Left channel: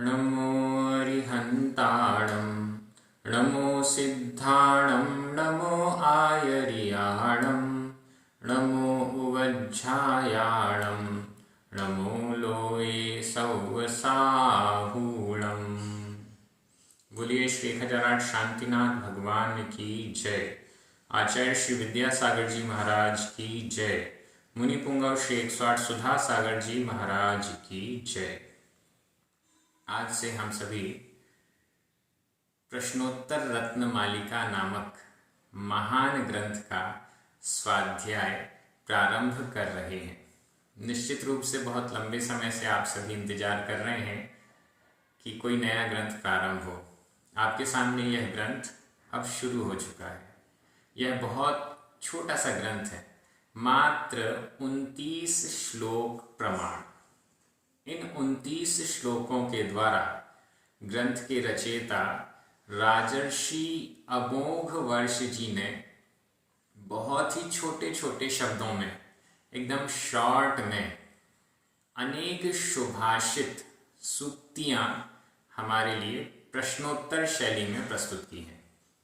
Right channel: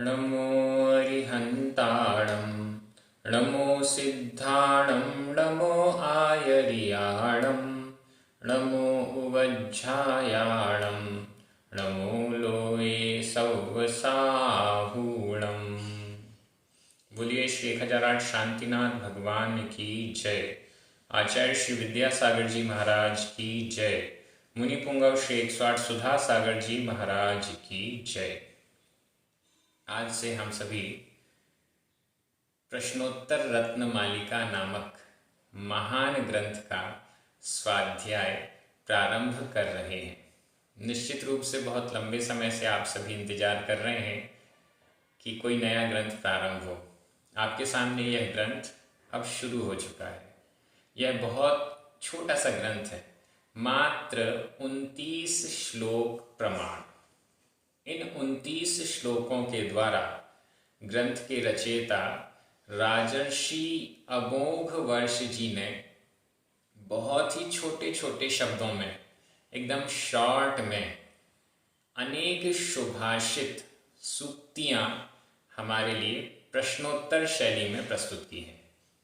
नमो अरिहन्ताणं नमो सिद्धाणं नमो आयर्याणं नमो उवज्झायाणं नमो लोये सौवसाहूणम्। बोलिए श्री 1008 शांतिनाथ भगवान की जय। आचार्य श्री विद्यासागर जी महाराज की जय। मुनि पुंगव श्री 108 सुधा सागर जी महाराज की जय। आज से हम सभी प्रश्नोत्तर रत्न मालिका नामक महान ग्रंथ का स्वाध्याय प्रारंभ कर रहे हैं। निश्चित रूप से बहुत लंबे समय से आप सभी इंतजार कर रहे हैं कि कोई नया ग्रंथ प्रारंभ हो। आपके सामने यह ग्रंथ अब शुरू हो चुका है। यह बहुत छोटा सा ग्रंथ है, मात्र 29 श्लोक प्रमाण। इन 29 श्लोकों के द्वारा ग्रंथ के रचयिता राजर्षि अमोघ वर्ष जी ने बहुत ही छोटे छोटे शब्दों में, एकदम शॉर्ट में, अनेक सुभाषित सूक्तियां हमारे लिए प्रश्नोत्तर शैली में प्रस्तुत की हैं।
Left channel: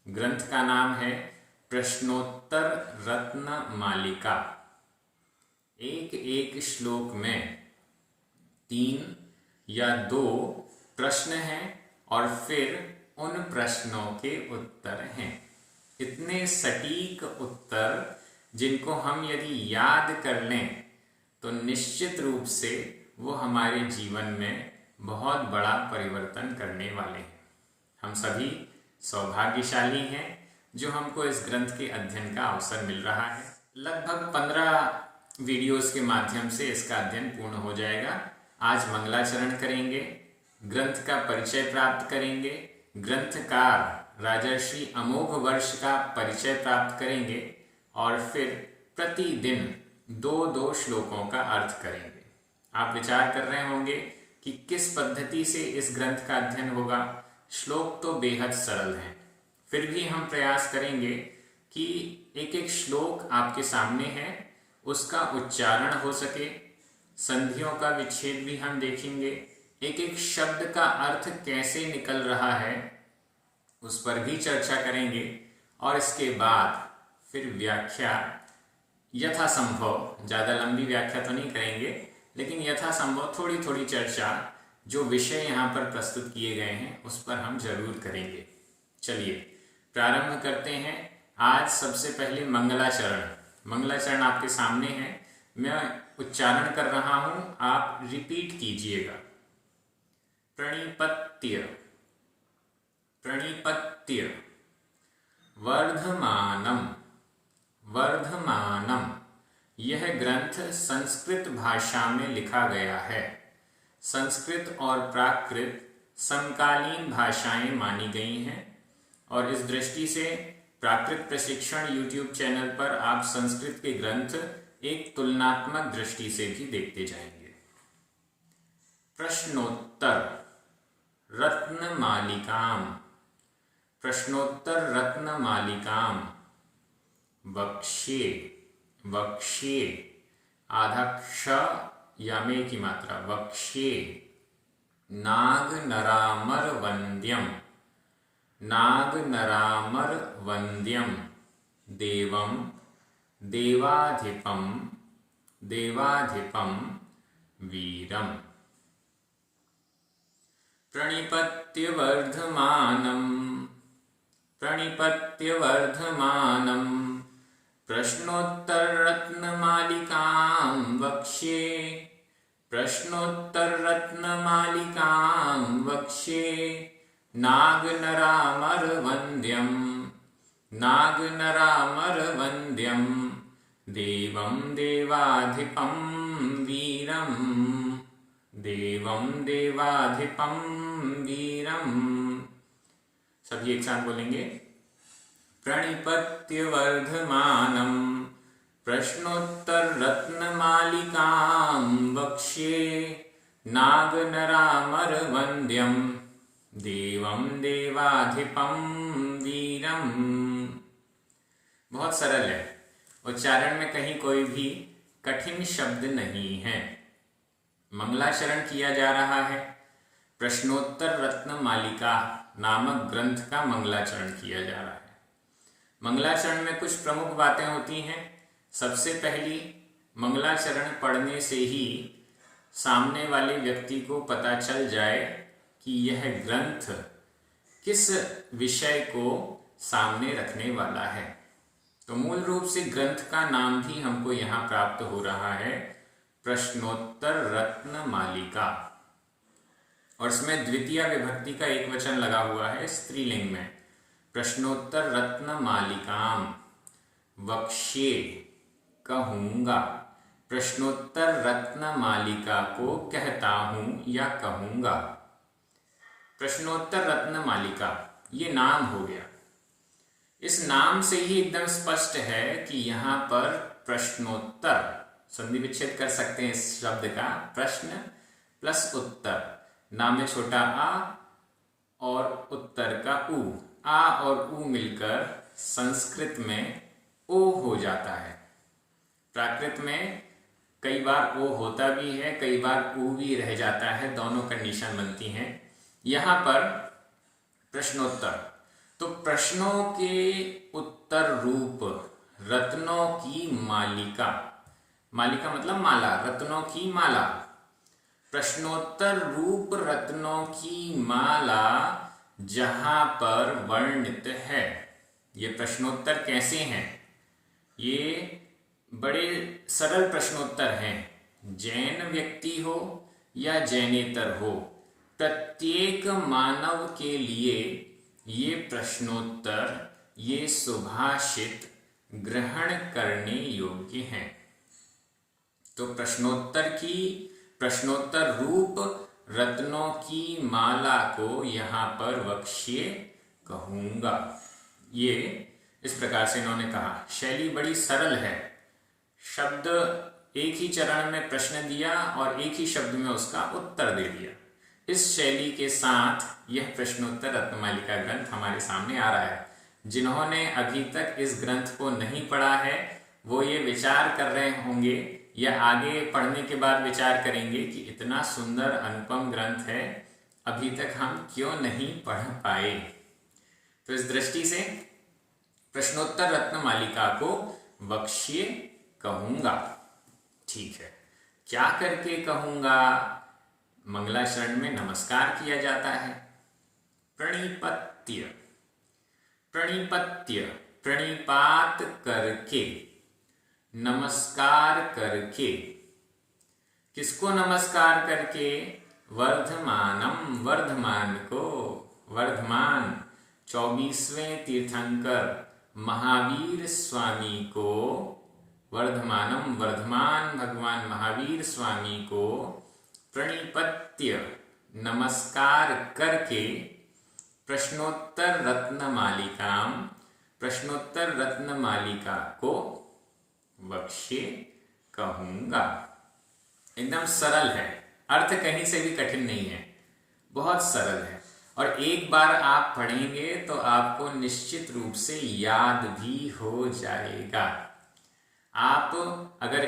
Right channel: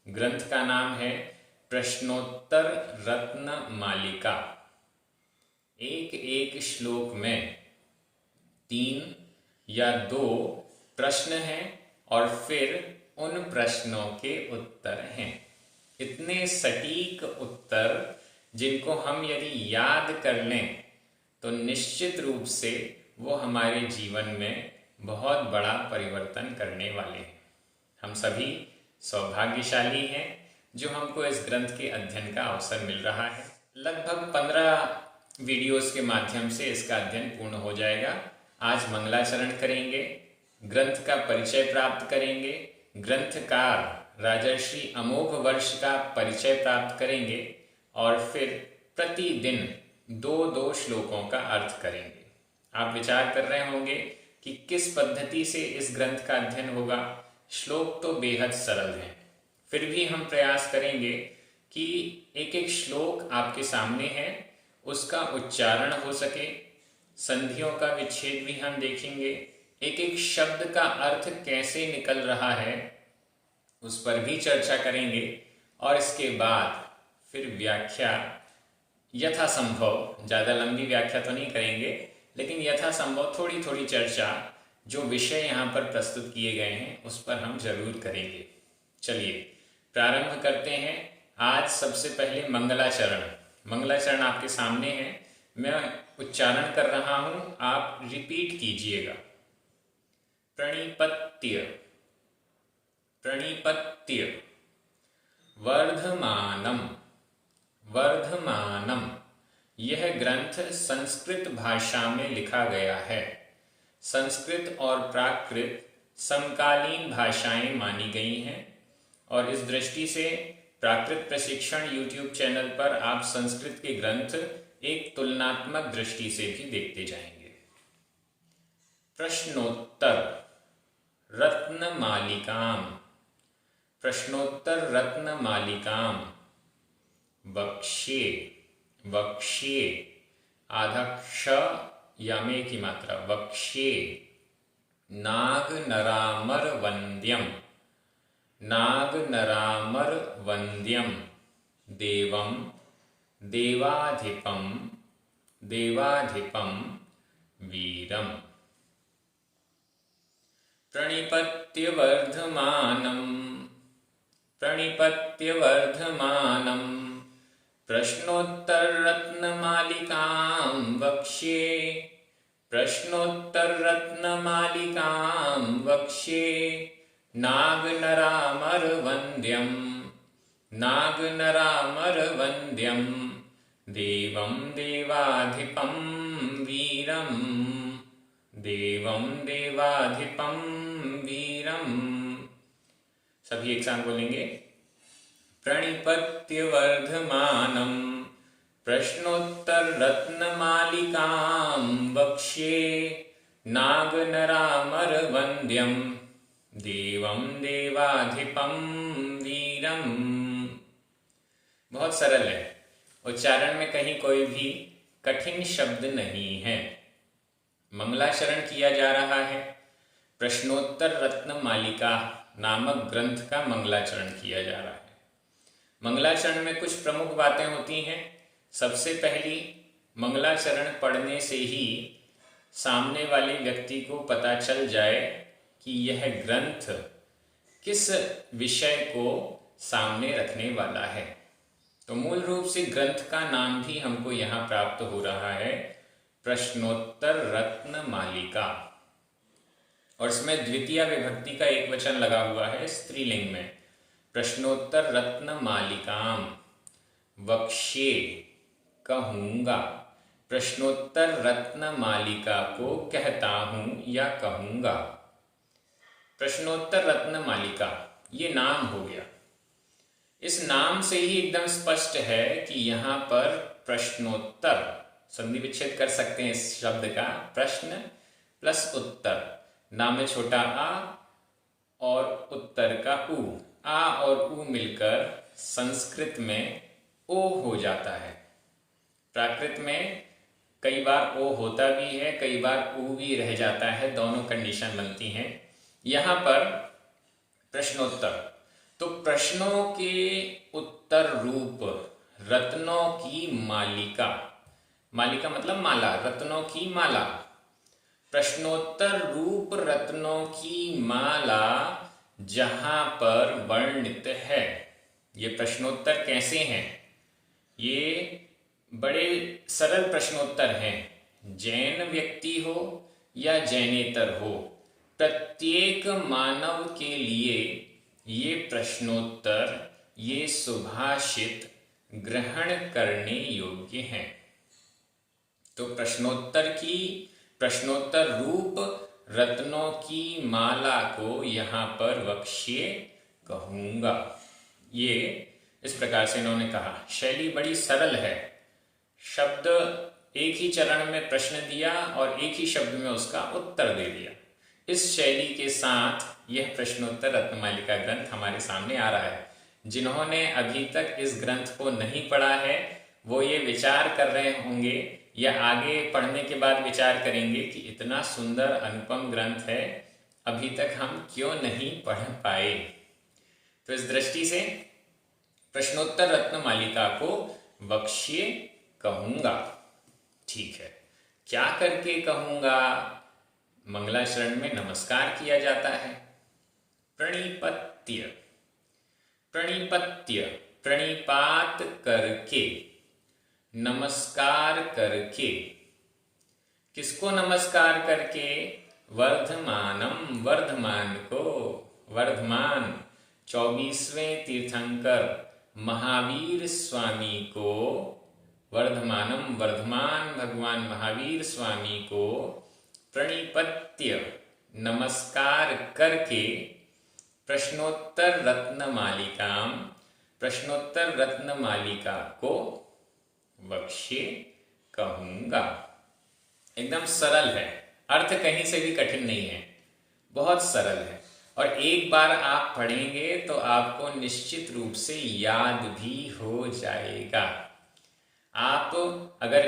ग्रंथ का नाम है प्रश्नोत्तर रत्न मालिका। एक एक श्लोक में 3 या 2 प्रश्न हैं और फिर उन प्रश्नों के उत्तर हैं। इतने सटीक उत्तर जिनको हम यदि याद कर लें तो निश्चित रूप से वो हमारे जीवन में बहुत बड़ा परिवर्तन करने वाले हैं। हम सभी सौभाग्यशाली हैं जो हमको इस ग्रंथ के अध्ययन का अवसर मिल रहा है। लगभग 15 वीडियोस के माध्यम से इसका अध्ययन पूर्ण हो जाएगा। आज मंगलाचरण करेंगे, ग्रंथ का परिचय प्राप्त करेंगे, ग्रंथकार राजर्षि अमोघ वर्ष का परिचय प्राप्त करेंगे और फिर प्रतिदिन 2-2 श्लोकों का अर्थ करेंगे। आप विचार कर रहे होंगे कि किस पद्धति से इस ग्रंथ का अध्ययन होगा। श्लोक तो बेहद सरल हैं, फिर भी हम प्रयास करेंगे कि एक एक श्लोक आपके सामने है, उसका उच्चारण हो सके। संधियों का विच्छेद भी हम देखेंगे। एक एक शब्द का अर्थ कैसे निकल रहा है उस पर भी चर्चा करेंगे और इसके बाद फिर व्याख्या यथासंभव, ज़्यादा लंबी व्याख्या तो नहीं करेंगे, लेकिन यथासंभव थोड़ी थोड़ी चर्चा जो विषय यहाँ पर प्रस्तुत किए गए हैं उस पर हम जरूर करेंगे। चलिए प्रारंभ करते हैं। आज सबसे पहले मंगलाचरण। मंगलाचरण आपके सामने है, मैं उच्चारण कर रहा हूं, आप रिपीट कीजिएगा। प्रणिपत्य प्रणिपत्य वर्धमानम वर्धमानम। यह ग्रंथ संस्कृत भाषा में लिखा गया है। संस्कृत और प्राकृत समकालीन भाषाएं मानी गई हैं और इस दृष्टि से प्राकृत प्रशिक्षण YouTube चैनल पर आप संस्कृत के ग्रंथ एक तुलनात्मक दृष्टि से भी देखते जाएंगे। प्रश्नोत्तर रत्नमालिकाम प्रश्नोत्तर रत्नमालिकाम वक्ष्ये वक्ष्ये आधा क्ष या में की मात्रा वक्ष्ये नाग नरामर वंद्यम नाग नरामर वंद्यम देवम देवाधिपम देवाधिपम वीरम। प्रणिपत्य वर्धमानम प्रणिपत्य वर्धमानम प्रश्नोत्तर रत्नमालिकां वक्ष्ये प्रश्नोत्तर रत्नमालिकां वक्ष्ये नागनरामर वंद्यम नागनरामर वंद्यम देवं देवाधिपं वीरं देवं देवाधिपं वीरं। सभी एक साथ बोलेंगे। प्रणिपत्य वर्धमानम प्रश्नोत्तर रत्नमालिकां वक्ष्ये नागनरामर वंद्यम देवं देवाधिपं वीरम। बहुत सरल है, उच्चारण में कहीं कोई भी कठिन शब्द नहीं है। मंगलाचरण किया जा रहा है, प्रश्नोत्तर रत्न मालिका नामक ग्रंथ का मंगलाचरण किया जा रहा है। मंगलाचरण में कुछ प्रमुख बातें होती हैं। सबसे पहली, मंगलाचरण पढ़ने से ही सामने वाले व्यक्ति को पता चल जाए कि यह ग्रंथ किस विषय को सामने रखने वाला है। तो मूल रूप से ग्रंथ का नाम भी हमको यहाँ प्राप्त हो रहा है, प्रश्नोत्तर रत्न मालिका, और इसमें द्वितीय विभक्ति का एक वचन लगा हुआ है स्त्रीलिंग में। प्रश्नोत्तर रत्न मालिकाम वक्ष्ये कहूँगा, प्रश्नोत्तर रत्न मालिका को कहता हूँ या कहूँगा। प्रश्नोत्तर रत्न मालिका ये नाम हो गया। इस नाम से ही एकदम स्पष्ट है कि यहाँ पर प्रश्नोत्तर, संधि विच्छेद कर सकते हैं इस शब्द का, प्रश्न प्लस उत्तर, नाम में छोटा आ और उत्तर का उ, आ और उ मिलकर संस्कृत में ओ हो जाता है। प्राकृत में कई बार ओ होता भी है, कई बार उ भी रह जाता है, दोनों कंडीशन बनती हैं। यहाँ पर प्रश्नोत्तर, तो प्रश्नों के उत्तर रूप रत्नों की मालिका, मालिका मतलब माला, रत्नों की माला, प्रश्नोत्तर रूप रत्नों की माला जहां पर वर्णित है। ये प्रश्नोत्तर कैसे हैं? ये बड़े सरल प्रश्नोत्तर हैं। जैन व्यक्ति हो या जैनेतर हो, प्रत्येक मानव के लिए ये प्रश्नोत्तर, ये सुभाषित ग्रहण करने योग्य हैं। तो प्रश्नोत्तर रूप रत्नों की माला को यहाँ पर वक्ष्ये कहूँगा। ये इस प्रकार से इन्होंने कहा। शैली बड़ी सरल है। शब्द एक ही चरण में प्रश्न दिया और एक ही शब्द में उसका उत्तर दे दिया। इस शैली के साथ यह प्रश्नोत्तर रत्नमालिका ग्रंथ हमारे सामने आ रहा है। जिन्होंने अभी तक इस ग्रंथ को नहीं पढ़ा है वो ये विचार कर रहे होंगे या आगे पढ़ने के बाद विचार करेंगे कि इतना सुंदर अनुपम ग्रंथ है, अभी तक हम क्यों नहीं पढ़ पाए। तो इस दृष्टि से प्रश्नोत्तर रत्नमालिका को वक्ष्ये कहूँगा। ठीक है, क्या करके कहूँगा? मंगलाचरण में नमस्कार किया जाता है। प्रणिपत्य, प्रणिपत्य, प्रणिपात करके, नमस्कार करके। किसको नमस्कार करके? वर्धमानम, वर्धमान को, वर्धमान 24वें तीर्थंकर महावीर स्वामी को, वर्धमानम वर्धमान भगवान महावीर स्वामी को प्रणिपत्य नमस्कार करके प्रश्नोत्तर रत्नमालिकाम, प्रश्नोत्तर रत्नमालिका को वक्ष्ये कहूँगा। एकदम सरल है, अर्थ कहीं से भी कठिन नहीं है, बहुत सरल है। और एक बार आप पढ़ेंगे तो आपको निश्चित रूप से याद भी हो जाएगा। आप अगर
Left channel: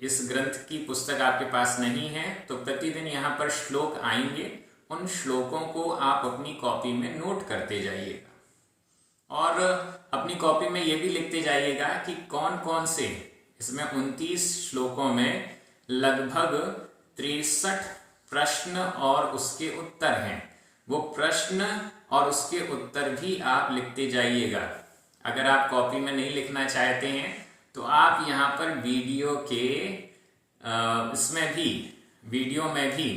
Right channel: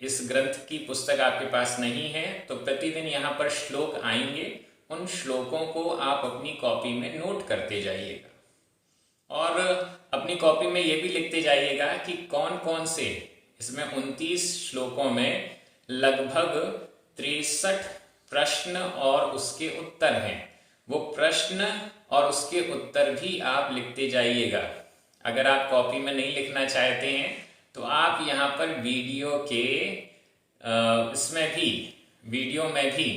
इस ग्रंथ की पुस्तक आपके पास नहीं है तो प्रतिदिन यहाँ पर श्लोक आएंगे, उन श्लोकों को आप अपनी कॉपी में नोट करते जाइएगा और अपनी कॉपी में ये भी लिखते जाइएगा कि कौन कौन से, इसमें 29 श्लोकों में लगभग 63 प्रश्न और उसके उत्तर हैं। वो प्रश्न और उसके उत्तर भी आप लिखते जाइएगा। अगर आप कॉपी में नहीं लिखना चाहते हैं तो आप यहाँ पर वीडियो में भी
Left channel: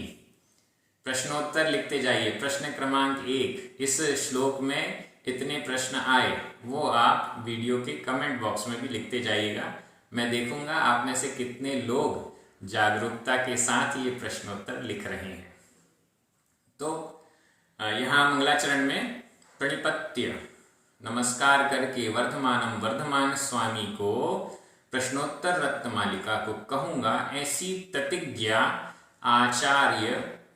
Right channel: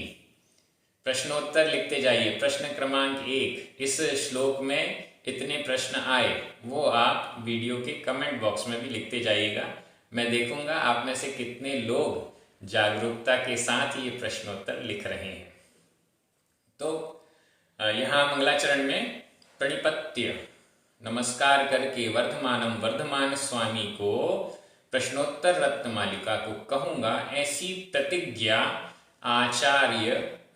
प्रश्नोत्तर लिखते जाइए। प्रश्न क्रमांक 1, इस श्लोक में इतने प्रश्न आए, वो आप वीडियो के कमेंट बॉक्स में भी लिखते जाइएगा। मैं देखूंगा आप में से कितने लोग जागरूकता के साथ ये प्रश्नोत्तर लिख रहे हैं। तो यहाँ मंगलाचरण में प्रणिपत्य नमस्कार करके वर्धमानम वर्धमान स्वामी को प्रश्नोत्तर रत्नमालिका को कहूँगा, ऐसी प्रतिज्ञा आचार्य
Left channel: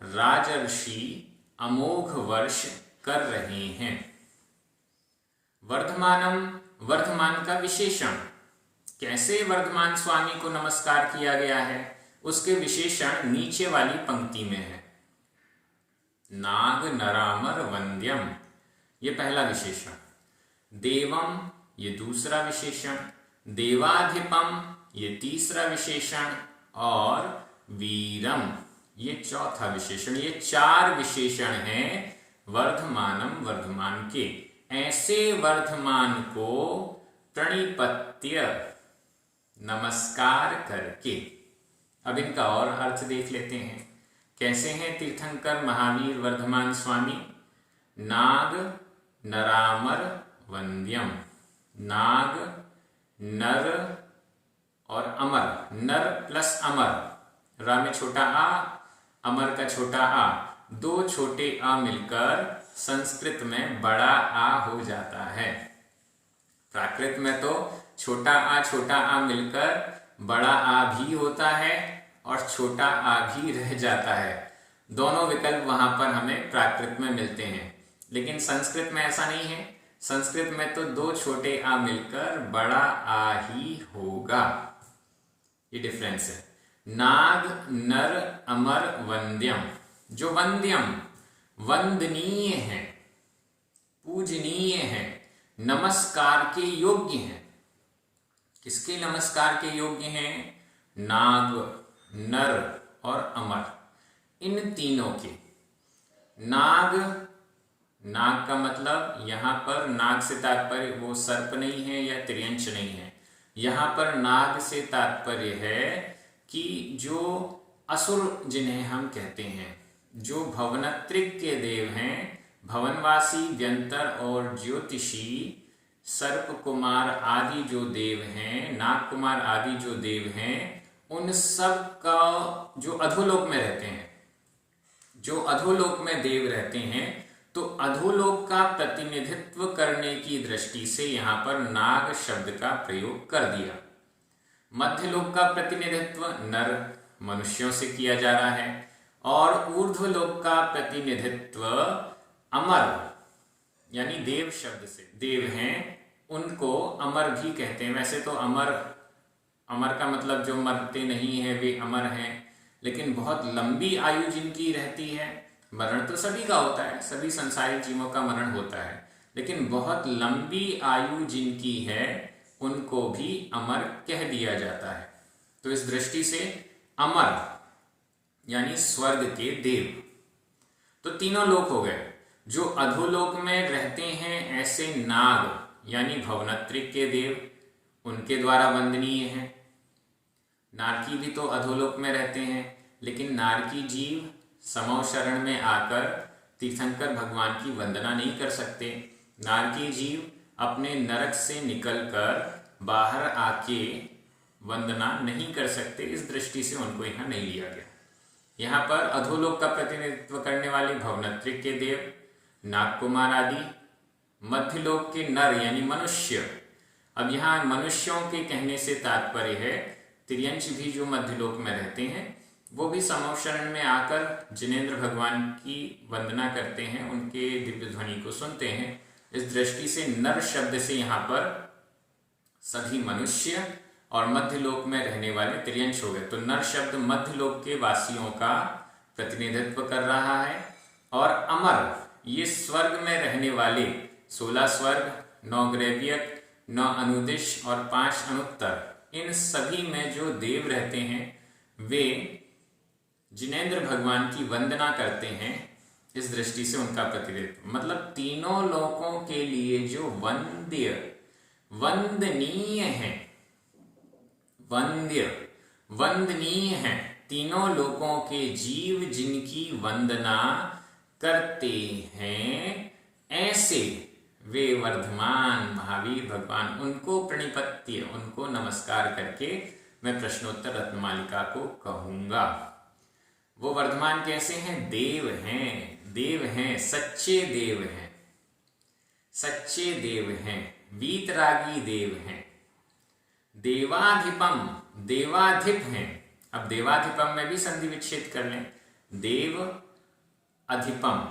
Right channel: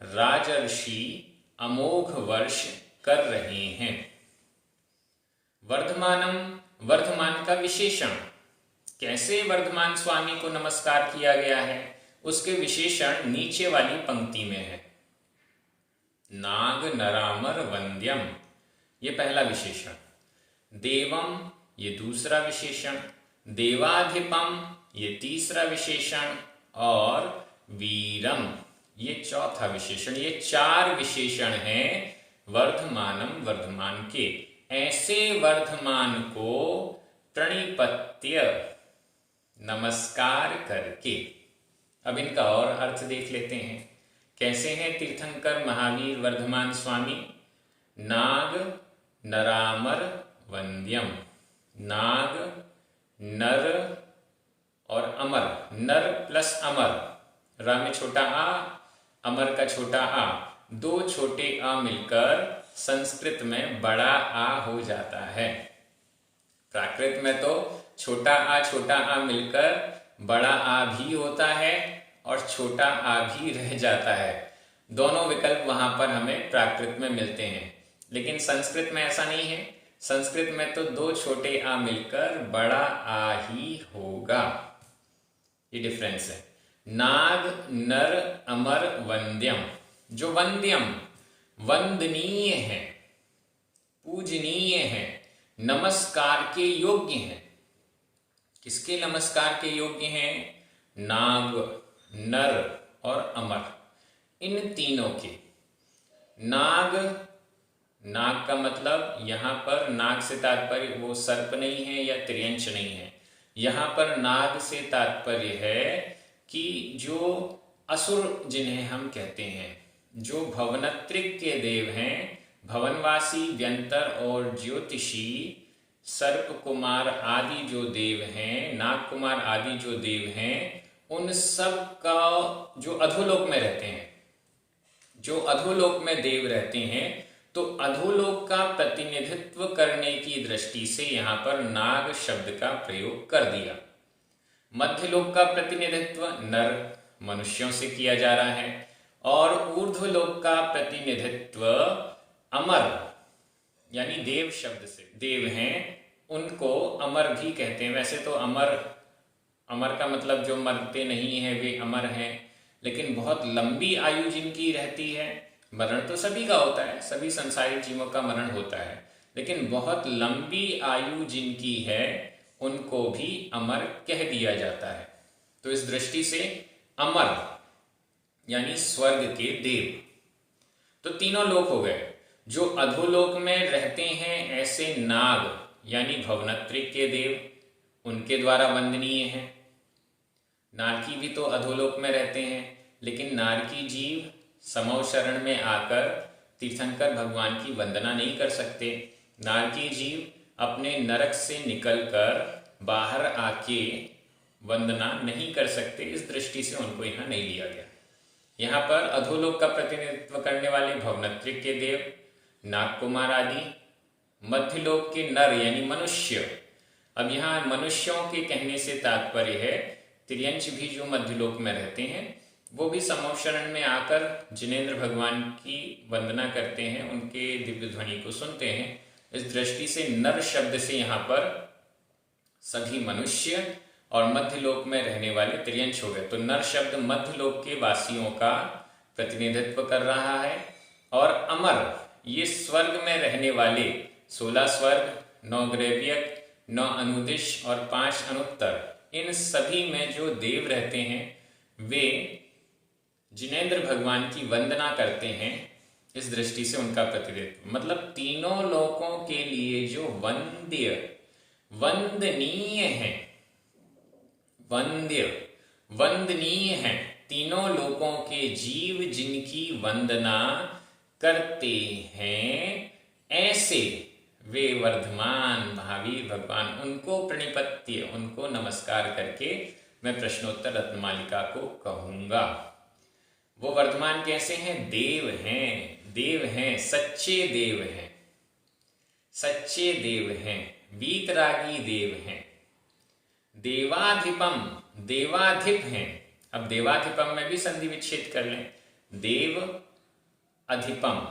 राजर्षि अमोघ वर्ष कर रहे हैं। वर्धमानम, वर्धमान का विशेषण, कैसे वर्धमान स्वामी को नमस्कार किया गया है उसके विशेषण नीचे वाली पंक्ति में है। नाग नरामर वंद्यम, ये पहला विशेषण। देवम, ये दूसरा विशेषण। देवाधिपम, ये तीसरा विशेषण। और वीरम, ये चौथा विशेषण। ये 4 विशेषण हैं वर्धमानम, वर्धमान के। ऐसे वर्धमान को प्रणिपत्य, नमस्कार करके। अब इनका और अर्थ देख लेते हैं। कैसे हैं तीर्थंकर महावीर वर्धमान स्वामी? नाग नरामर वंद्यम, नाग नर और अमर, नर प्लस अमर, रा में छोटा आ, अमर का छोटा आ, 2 छोटे आ मिलकर संस्कृत में बड़ा आ हो जाता है। प्राकृत में तो छोटा आ मिलकर बड़ा आ भी होता है और छोटा आ भी रह जाता है। दोनों विकल्प वहां पर हमें प्राकृत में मिलते हैं, लेकिन संस्कृत में ऐसा नहीं है। संस्कृत में तो 2 छोटे आ मिलकर बड़ा आ ही होगा। ये डिफरेंस है। नाग नर अमर वंद्यम, जो वंद्यम वंदनीय है, पूजनीय है, नमस्कार के योग्य हैं। किसके नमस्कार के योग्य हैं? नाग, नर और अमर, इन तीनों के। नाग, नाग का मतलब यहां पर नाग से तात्पर्य वो सर्प नहीं है या त्रियंच नहीं है। यहां पर नाग से तात्पर्य है कि जो असुर जिन्हें हम कहते हैं, जो भवनत्रिक के देव हैं, भवनवासी, व्यंतर और ज्योतिषी, सर्प कुमार आदि जो देव हैं, नाग कुमार आदि जो देव हैं, उन सब का जो अधोलोक में रहते हैं, जो अधोलोक में देव रहते हैं, तो अधोलोक का प्रतिनिधित्व करने की दृष्टि से यहां पर नाग शब्द का प्रयोग कर दिया। मध्यलोक का प्रतिनिधित्व नर मनुष्यों से किया जा रहा है और ऊर्ध्वलोक का प्रतिनिधित्व अमर यानी देव शब्द से। देव हैं उनको अमर भी कहते हैं। वैसे तो अमर, अमर का मतलब जो मरते नहीं है वे अमर हैं, लेकिन बहुत लंबी आयु जिनकी रहती है। मरण तो सभी का होता है, सभी संसारिक जीवों का मरण होता है, लेकिन बहुत लंबी आयु जिनकी है उनको भी अमर कह दिया जाता है। तो इस दृष्टि से अमर यानी स्वर्ग के देव। तो तीनों लोक हो गए। जो अधोलोक में रहते हैं ऐसे नाग यानी भवनत्रिक के देव, उनके द्वारा वंदनीय हैं। नारकी भी तो अधोलोक में रहते हैं, लेकिन नारकी जीव समव शरण में आकर तीर्थंकर भगवान की वंदना नहीं कर सकते। नारकी जीव अपने नरक से निकलकर बाहर आके वंदना नहीं कर सकते। इस दृष्टि से उनको यहाँ नहीं लिया गया। यहाँ पर अधोलोक का प्रतिनिधित्व करने वाले भवनत्रिक के देव, नागकुमार आदि, मध्यलोक के नर यानी मनुष्य। अब यहाँ मनुष्यों के कहने से तात्पर्य है त्रियंच भी जो मध्यलोक में रहते हैं वो भी समव शरण में आकर जिनेंद्र भगवान की वंदना करते हैं, उनके दिव्य ध्वनि को सुनते हैं। इस दृष्टि से नर शब्द से यहाँ पर सभी मनुष्य और मध्यलोक में रहने वाले त्रियंच हो गए। तो नर शब्द मध्यलोक के वासियों का प्रतिनिधित्व कर रहा है और अमर ये स्वर्ग में रहने वाले 16 स्वर्ग, 9 ग्रैवियक, 9 अनुदिश और 5 अनुत्तर, इन सभी में जो देव रहते हैं वे जिनेंद्र भगवान की वंदना करते हैं। इस दृष्टि से उनका प्रतिनिधित्व मतलब तीनों लोकों के लिए जो वंद्य, वंदनीय है, वंद्य वंदनीय है, तीनों लोकों के जीव जिनकी वंदना करते हैं, ऐसे वे वर्धमान महावीर भगवान, उनको प्रणिपत्य, उनको नमस्कार करके मैं प्रश्नोत्तर रत्नमालिका को कहूंगा। वो वर्धमान कैसे हैं? देव हैं, देव हैं, सच्चे देव हैं, सच्चे देव हैं, वीतरागी देव हैं। देवाधिपम, देवाधिप हैं। अब देवाधिपम में भी संधि विच्छेद कर लें। देव अधिपम,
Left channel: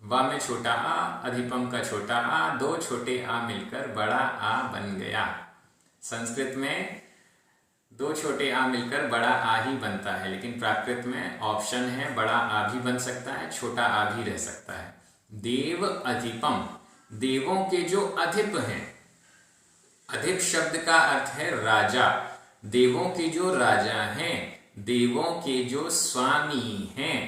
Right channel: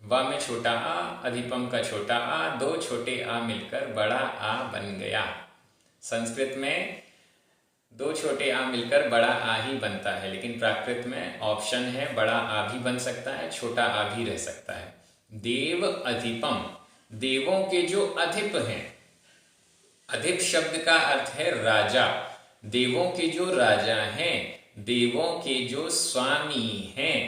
वा में छोटा आ, अधिपम का छोटा आ, 2 छोटे आ मिलकर बड़ा आ बन गया। संस्कृत में दो छोटे आ मिलकर बड़ा आ ही बनता है, लेकिन प्राकृत में ऑप्शन है बड़ा आ भी बन सकता है, छोटा आ भी रह सकता है। देव अधिपम, देवों के जो अधिप हैं। अधिप शब्द का अर्थ है राजा, देवों के जो राजा हैं, देवों के जो स्वामी हैं।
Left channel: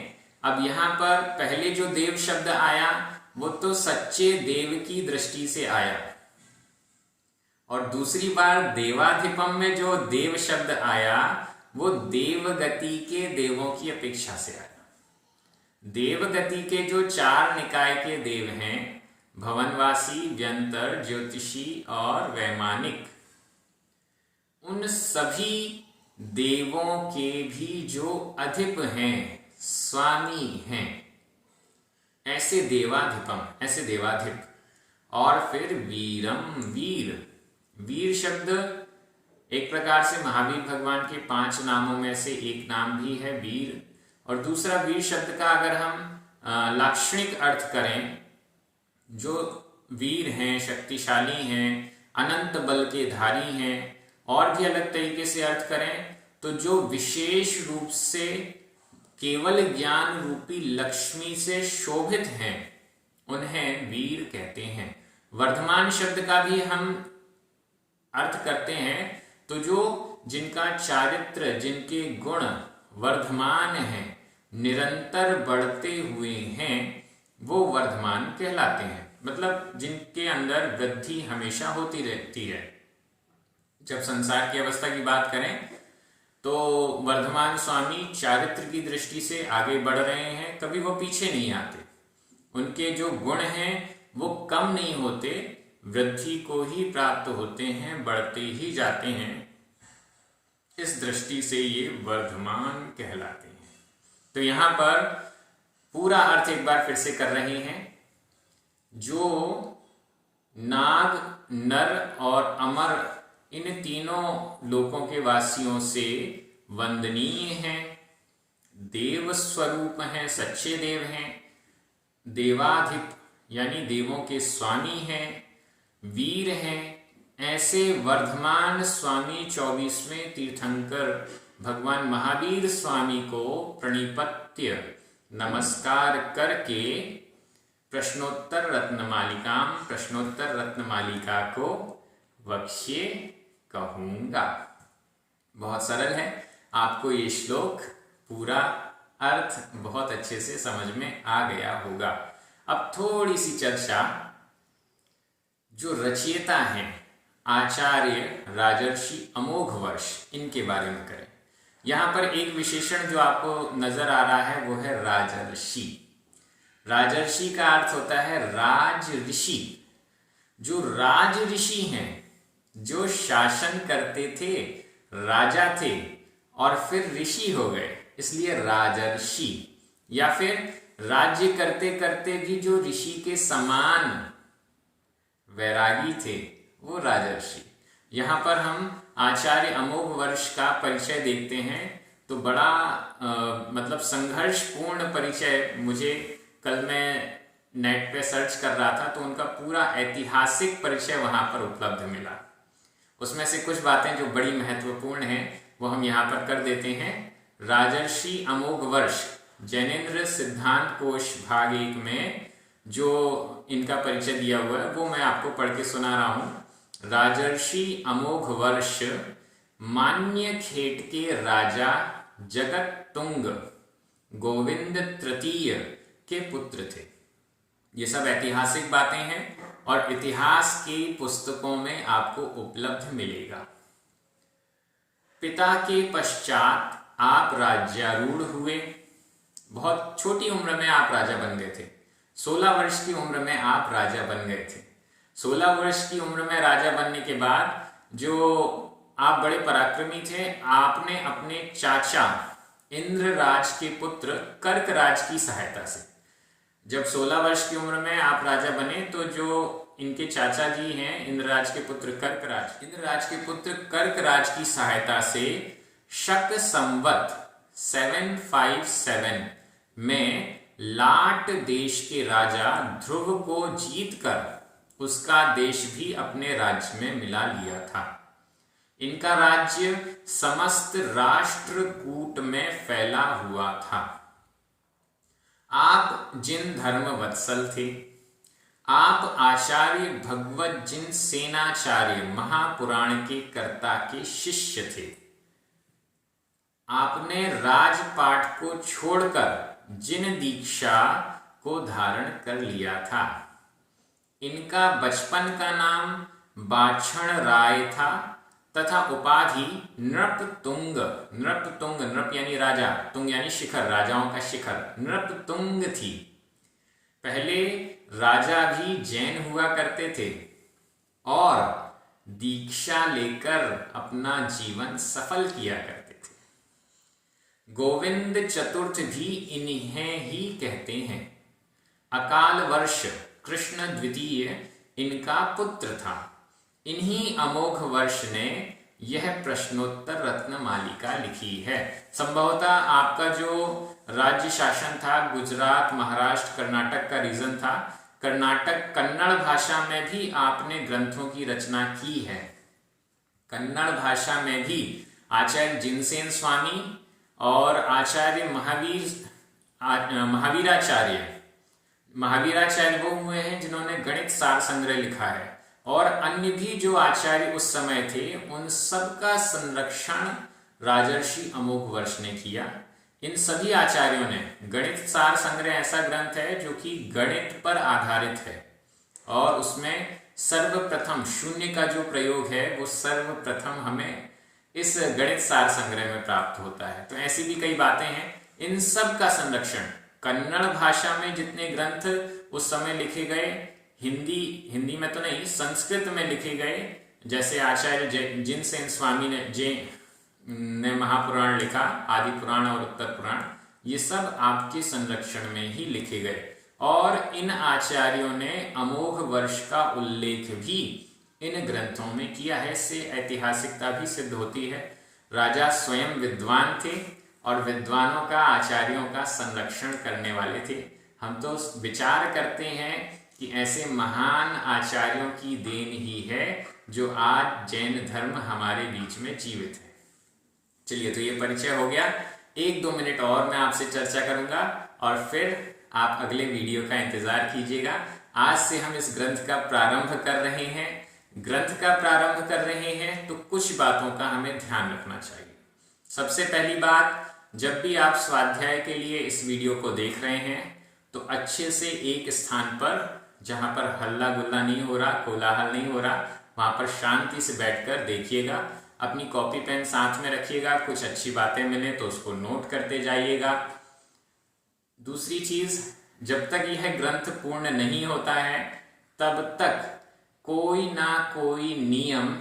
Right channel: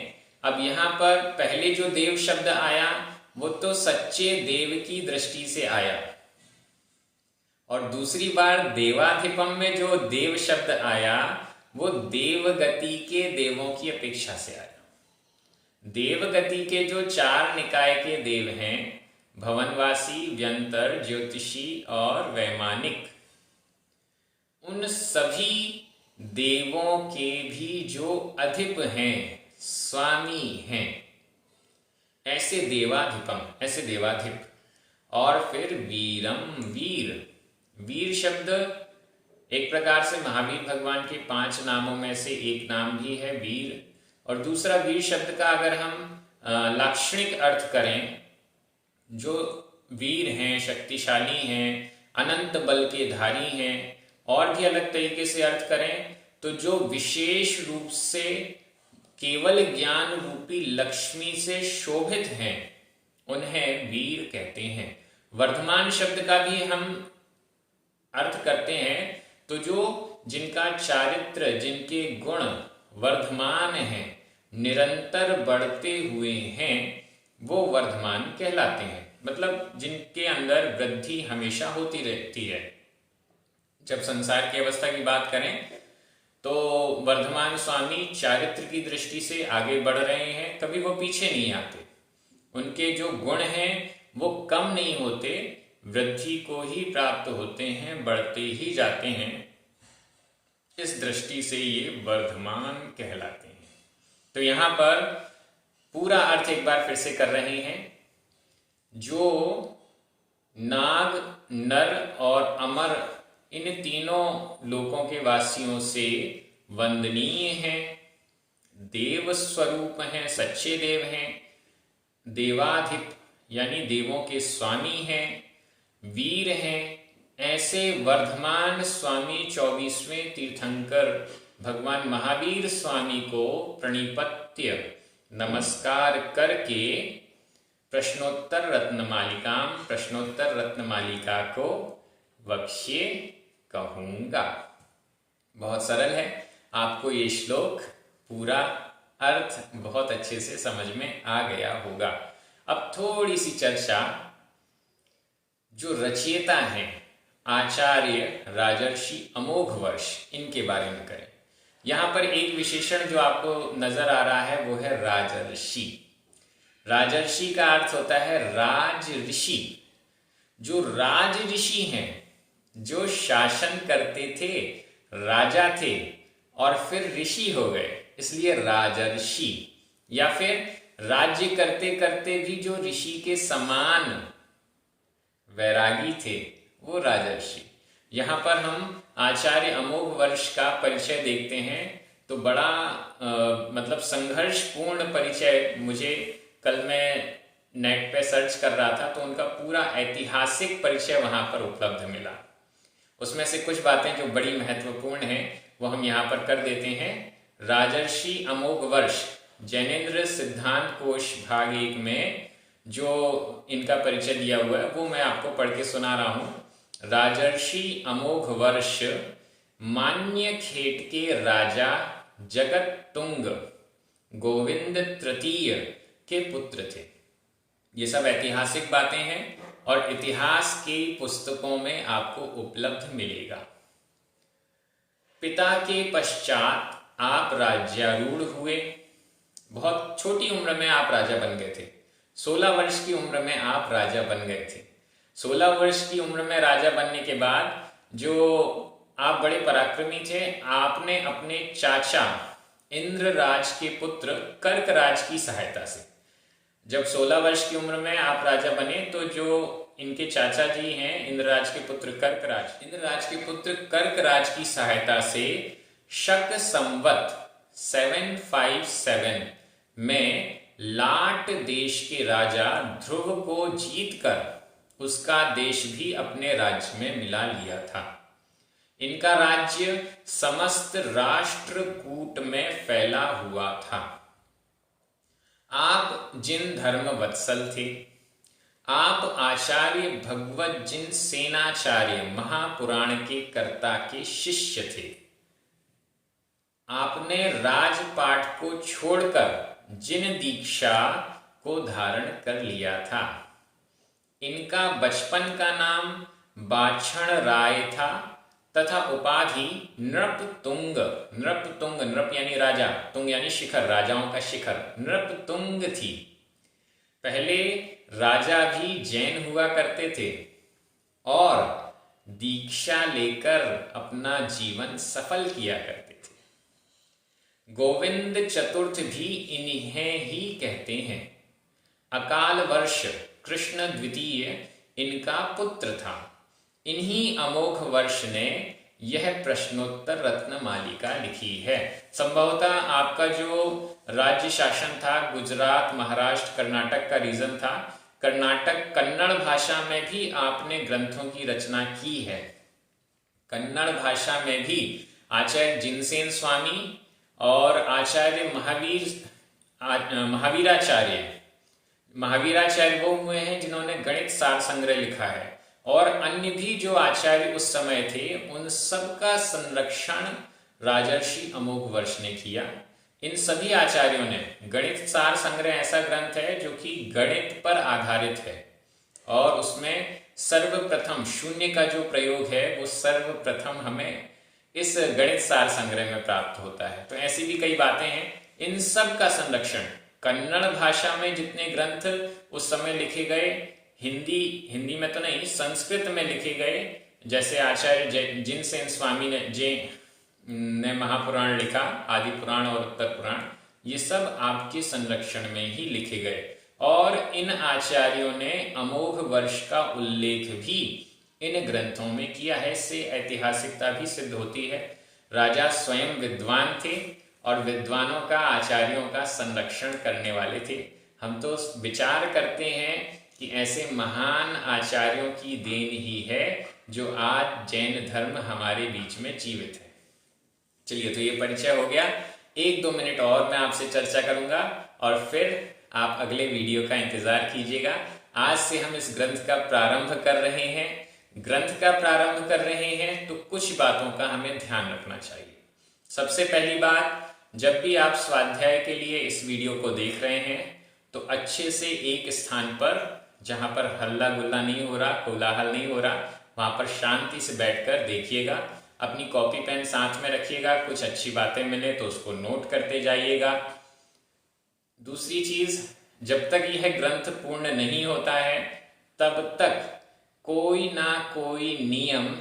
अब यहाँ पर पहले जो देव शब्द आया वो तो सच्चे देव की दृष्टि से आया, और दूसरी बार देवाधिपम में जो देव शब्द आया वो देवगति के देवों की अपेक्षा से आया। देवगति के जो 4 निकाय के देव हैं, भवनवासी, व्यंतर, ज्योतिषी और वैमानिक, उन सभी देवों के भी जो अधिप हैं, स्वामी हैं, ऐसे देवाधिपम, ऐसे देवाधिप। और फिर वीरम, वीर, वीर शब्द एक प्रकार से महावीर भगवान के 5 नामों में से एक नाम भी है वीर। और दूसरा वीर शब्द का अगर हम लाक्षणिक अर्थ करें, जो वीर हैं, शक्तिशाली हैं, अनंत बल के धारी हैं, और भी अलग तरीके से अर्थ करें तो जो विशेष रूप से केवल ज्ञान रूपी लक्ष्मी से शोभित हैं, उन्हें वीर कहते हैं। वर्धमान शब्द का भी हम अर्थ करते हैं तो जो जिनका चारित्र, जिनके गुण वर्धमान हैं, निरंतर बढ़ते हुए हैं, वो वर्धमान कहलाते हैं। मतलब जिनके अंदर वृद्धि हमेशा होती रहती है। जब संसार की अवस्था की बात करें तो वर्धमान स्वामी चारित्र की दृष्टि से आगे बढ़ रहे हैं, कभी वो पीछे नहीं आते। उनके जो गुण हैं वो कम नहीं होते, वृद्धि को ही प्राप्त होते हैं, बढ़ते ही जाते हैं। इस दृष्टि से ये वर्धमान कहलाते हैं। तो यहाँ पर पूरा अर्थ एक बार फिर से कर रहे हैं। जो नाग, नर और अमर, इन तीनों लोकों के वासियों से वंदनीय हैं, देव स्वरूप हैं, सच्चे देव हैं, देवाधिप यानी देवों के स्वामी हैं, वीर हैं, ऐसे वर्धमान स्वामी 24वें तीर्थंकर भगवान महावीर स्वामी को प्रणिपत्य नमस्कार करके प्रश्नोत्तर रत्नमालिका को वक्ष्ये कहूंगा। बहुत सरल है, आपको ये श्लोक पूरा अर्थ बहुत अच्छे से समझ में आ गया होगा। अब थोड़ी सी चर्चा जो रचयिता हैं आचार्य राजर्षि अमोघवर्ष, इनके बारे में करें। यहाँ पर एक विशेषण जो आपको नजर आ रहा है वो है राजर्षि। राजर्षि का अर्थ होता है राज ऋषि। जो राज ऋषि हैं, जो शासन करते थे, राजा थे और फिर ऋषि हो गए, इसलिए राजर्षि। या फिर राज्य करते करते भी जो ऋषि के समान वैरागी थे, वो राजर्षि। यहाँ पर हम आचार्य अमोघवर्ष का परिचय देखते हैं तो बड़ा मतलब संघर्षपूर्ण परिचय, मुझे कल मैं नेट पे सर्च कर रहा था तो उनका पूरा ऐतिहासिक परिचय वहाँ पर उपलब्ध मिला। उसमें से कुछ बातें जो बड़ी महत्वपूर्ण हैं वो हम यहाँ पर कर देते हैं। राजर्षि अमोघवर्ष जैनेन्द्र सिद्धांत कोश भाग 1 में जो इनका परिचय दिया हुआ है वो मैं आपको पढ़ के सुना रहा हूँ। राजर्षि अमोघवर्ष मान्य खेट के राजा जगत तुंग गोविंद तृतीय के पुत्र थे। ये सब ऐतिहासिक बातें हैं और इतिहास की पुस्तकों में आपको उपलब्ध मिलेगा। पिता के पश्चात आप राज्यारूढ़ हुए। बहुत छोटी उम्र में आप राजा बन गए थे। 16 वर्ष की उम्र में आप राजा बन गए थे। 16 वर्ष की उम्र में राजा बनने के बाद जो आप बड़े पराक्रमी थे, आपने अपने चाचा इंद्रराज के पुत्र कर्कराज की सहायता से, जब 16 वर्ष की उम्र में आप राजा बने तो जो इनके चाचा जी हैं इंद्रराज के पुत्र कर्कराज की सहायता से शक संवत 757 में लाट देश के राजा ध्रुव को जीतकर उसका देश भी अपने राज्य में मिला लिया था। इनका राज्य समस्त राष्ट्रकूट में फैला हुआ था। आप जिन धर्म वत्सल थे, आप आचार्य भगवत जिन सेनाचार्य महापुराण के कर्ता के शिष्य थे। आपने राजपाट को छोड़कर जिन दीक्षा को धारण कर लिया था, इनका बचपन का नाम बाछण राय था तथा उपाधि नृपतुंग, नृपतुंग नृप यानी राजा, तुंग यानी शिखर, राजाओं का शिखर, नृपतुंग थी। पहले राजा भी जैन हुआ करते थे और दीक्षा लेकर अपना जीवन सफल किया करते थे। गोविंद चतुर्थ भी इन्हें ही कहते हैं। अकाल वर्ष कृष्ण द्वितीय इनका पुत्र था। इन्हीं अमोघ वर्ष ने यह प्रश्नोत्तर रत्न मालिका लिखी है। संभवतः आपका जो राज्य शासन था, गुजरात, महाराष्ट्र, कर्नाटक का रीजन था, कर्नाटक कन्नड़ भाषा में भी आपने ग्रंथों की रचना की है। कन्नड़ भाषा में भी आचार्य जिनसेन स्वामी और आचार्य महावीराचार्य वो हुए हैं जिन्होंने गणित सार संग्रह लिखा है, और अन्य भी जो आचार्य उस समय थे उन सब का संरक्षण राजर्षि अमोघ वर्ष ने किया। इन सभी आचार्यों ने, गणित सार संग्रह ऐसा ग्रंथ है जो कि गणित पर आधारित है और उसमें सर्वप्रथम शून्य का जो प्रयोग है वो सर्वप्रथम हमें इस गणित सार संग्रह में प्राप्त होता है। तो ऐसी भी कई बातें हैं। इन सब का संरक्षण कन्नड़ भाषा में जितने ग्रंथ उस समय लिखे गए, हिंदी में तो नहीं, संस्कृत में लिखे गए, जैसे आचार्य जिनसेन स्वामी ने महापुराण लिखा, आदि पुराण और उत्तर पुराण, ये सब आपके संरक्षण में ही लिखे गए। और इन आचार्यों ने अमोघ वर्ष का उल्लेख भी इन ग्रंथों में किया है। इससे ऐतिहासिकता भी सिद्ध होती है। राजा स्वयं विद्वान थे और विद्वानों का, आचार्यों का संरक्षण करने वाले थे। हम तो विचार करते हैं कि ऐसे महान आचार्यों की देन ही है जो आज जैन धर्म हमारे बीच में जीवित है। चलिए, तो ये परिचय हो गया। 1-2 मिनट और मैं आपसे चर्चा करूंगा और फिर आप अगले वीडियो का इंतजार कीजिएगा। आज से हम इस ग्रंथ का प्रारंभ कर रहे हैं। ग्रंथ का प्रारंभ कर रहे हैं तो कुछ बातों का हमें ध्यान रखना चाहिए। सबसे पहली बात, जब भी आप स्वाध्याय के लिए इस वीडियो को देख रहे हैं तो अच्छे से एक स्थान पर, जहां पर हल्ला गुल्ला नहीं हो रहा, कोलाहल नहीं हो रहा, वहां पर शांति से बैठकर देखिएगा। अपनी कॉपी पेन साथ में रखिएगा। कुछ अच्छी बातें मिले तो उसको नोट करते जाइएगा। दूसरी चीज, जब तक यह ग्रंथ पूर्ण नहीं होता है तब तक कोई ना कोई नियम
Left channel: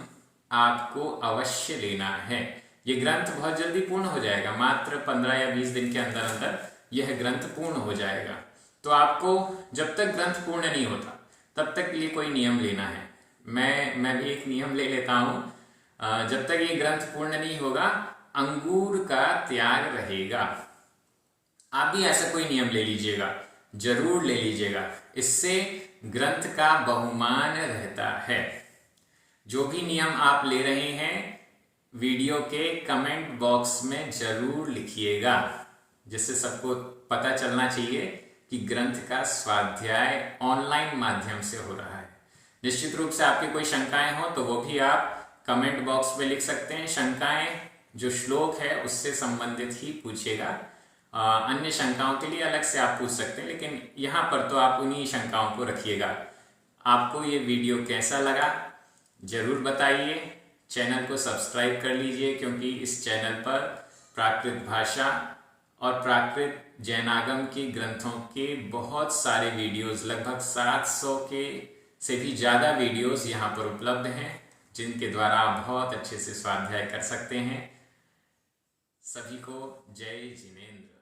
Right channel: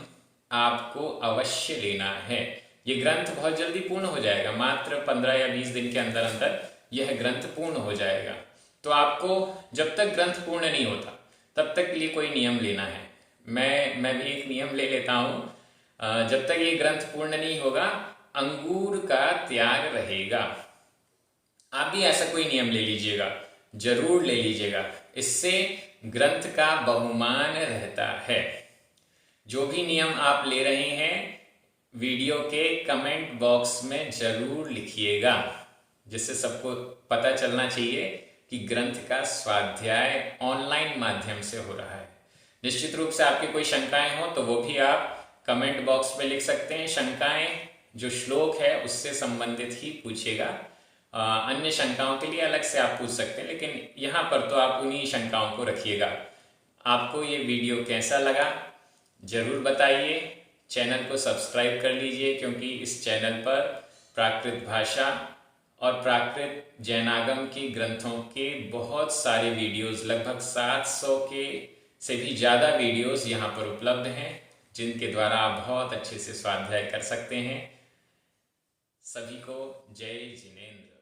आपको अवश्य लेना है। यह ग्रंथ बहुत जल्दी पूर्ण हो जाएगा, मात्र 15 या 20 दिन के अंदर अंदर यह ग्रंथ पूर्ण हो जाएगा। तो आपको जब तक ग्रंथ पूर्ण नहीं होता तब तक के लिए कोई नियम लेना है। मैं भी एक नियम ले लेता हूं। जब तक ये ग्रंथ पूर्ण नहीं होगा, अंगूर का त्याग रहेगा। आप भी ऐसा कोई नियम ले लीजिएगा, जरूर ले लीजिएगा। इससे ग्रंथ का बहुमान रहता है। जो भी नियम आप ले रहे हैं वीडियो के कमेंट बॉक्स में जरूर लिखिएगा, जिससे सबको पता चलना चाहिए कि ग्रंथ का स्वाध्याय ऑनलाइन माध्यम से हो रहा है। निश्चित रूप से आपकी कोई शंकाएं हो तो वो भी आप कमेंट बॉक्स में लिख सकते हैं। शंकाएं जो श्लोक है उससे संबंधित ही पूछिएगा। अन्य शंकाओं के लिए अलग से आप पूछ सकते हैं, लेकिन यहाँ पर तो आप उन्हीं शंकाओं को रखिएगा। आपको ये वीडियो कैसा लगा जरूर बताइए। चैनल को सब्सक्राइब कर लीजिए, क्योंकि इस चैनल पर प्राकृत भाषा और प्राकृत जैनागम के ग्रंथों के बहुत सारे वीडियोस, लगभग 700 के से भी ज़्यादा वीडियोस यहाँ पर उपलब्ध हैं, जिनके द्वारा आप बहुत अच्छे से स्वाध्याय कर सकते हैं। सभी को जय जिनेंद्र।